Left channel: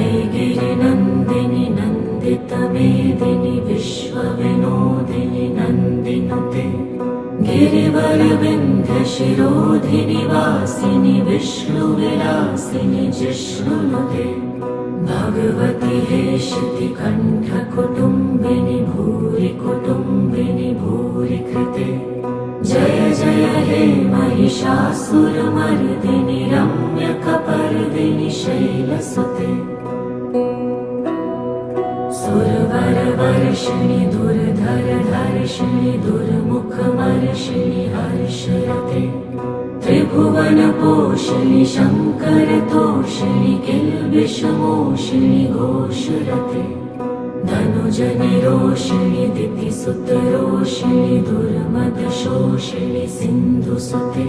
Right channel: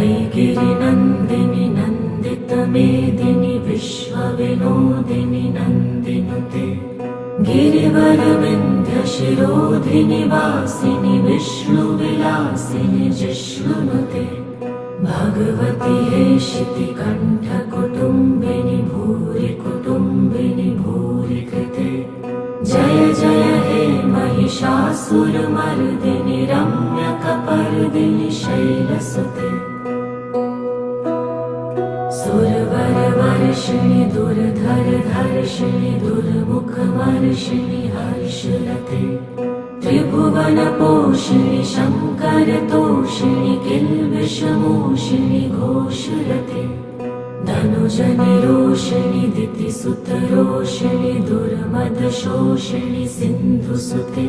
वैगिरिनन्दिनि नन्दितमेदिनि विश्वविनोदिनि नन्दिनुते गिरिवरविन्ध्यशिरोधिनि वासिनि विष्णुविलासिनि जिष्णुनुते भगवति हेशितिकण्ठकुटुम्बिनि भूरि कुटुम्बिनि भूरि कृते जय जय हे महिषासुरमर्दिनि रम्यकपर्दिनि शैलसुते सुरवरवर्षिणि दुर्धरधर्षिणि दुर्मुखमर्षिणि हर्षरते त्रिभुवनपोषिणि शङ्करतोषिणि किल्बिषमोषिणि घोषरते धनुजनिरोषिणि दितिसुतरोषिणि दुर्मदशोषिणि सिन्धुसुते